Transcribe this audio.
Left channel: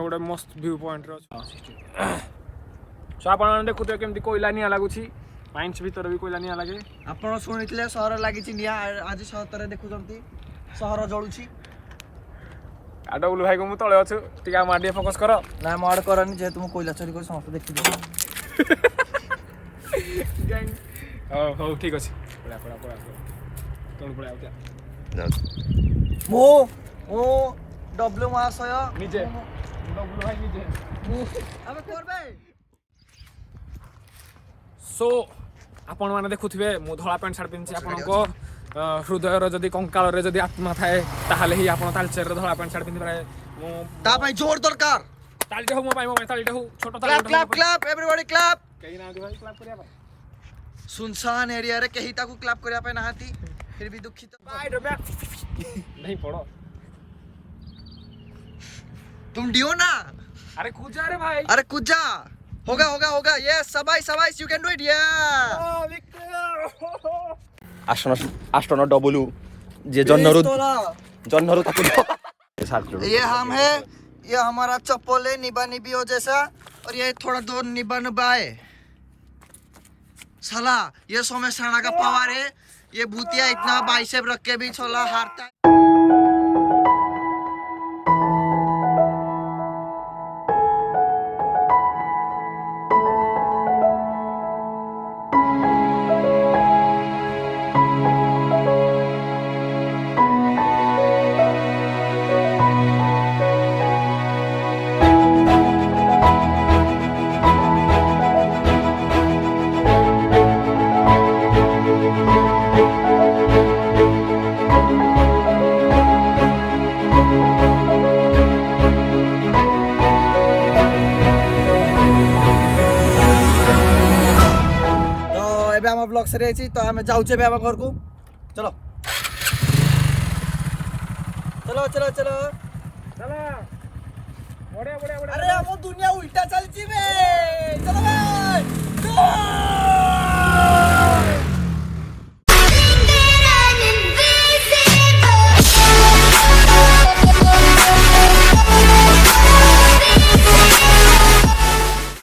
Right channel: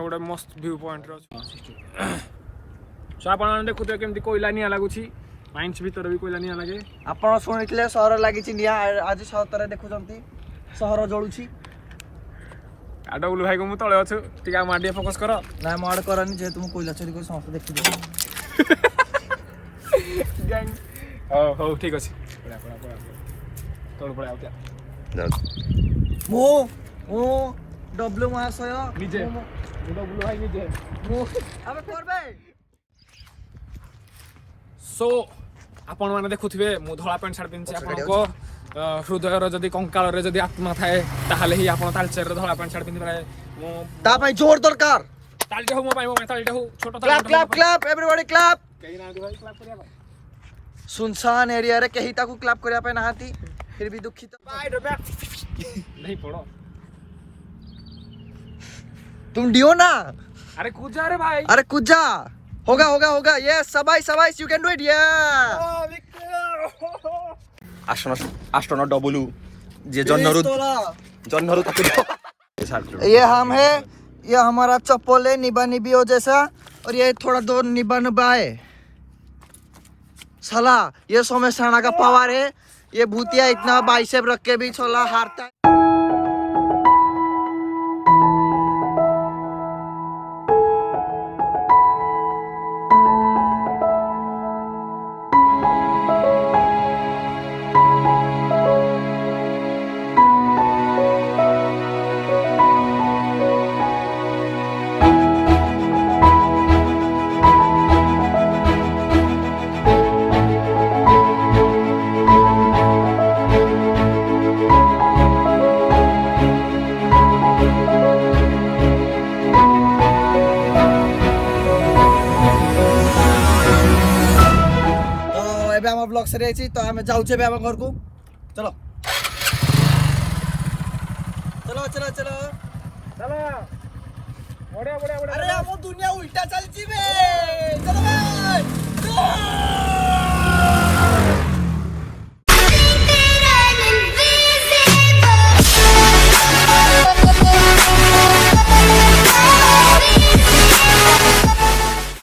गोटे मस्त view point आप देखुए केमती कोयला निआ लगुच माइंस भीतर भी कोयला निआ लगे आप शुणी सहर लगी निआ आज सतरे देखुं सहर जलुची डबुल भाई को मुझे तले अच्छु टे मारे फोकस कर ना माड़ करनी जेहेतु मुझे कोयला चोरी कर समस्त देखी हो ठीक अच्छे डब्ल्यू महाशय निजे डबुल भाई निजे सो आपण मैंने देखुए मु धला पैंट सार्ट पिंधि आपको हृदय जदि कंकाल जदि आत्मा थाए ताहले ही आपण तालचेर धला पैंट सार्ट पिंधि पारे मु ता जोर दरकार तालटे हो मो पाई तालटे हो छोटो clap clap clap everybody clap कहीं ना भाई क्लैप करिया भाई सुनसान एरिया रे कहीं ताकू क्लैप करिया पे नाहाती फिर भी दुखित बाय नहीं पड़ो तुम डियो ना अरे कूद जा रे भाई अरे कूद जा होगा होगा होगा यस सबाई सबाई यू कैन डू इट या आष्टन डब्ल्यू जे जन्नरू ये हम है ये हमारा चप्पल है निबा निबी हो जैसा और ये थोड़ा दो निबा निबा है साला ये सोमेशाना का पावर है ये भूतिया इतना बाइसेप रख के भी छोला हारता है ब्लॉग से रही तो हमें जाऊँ घर को चलो चलो चलो चलो चलो बढ़िया बढ़िया अरे हम दुनिया उल्टा चलती बे चलो भाई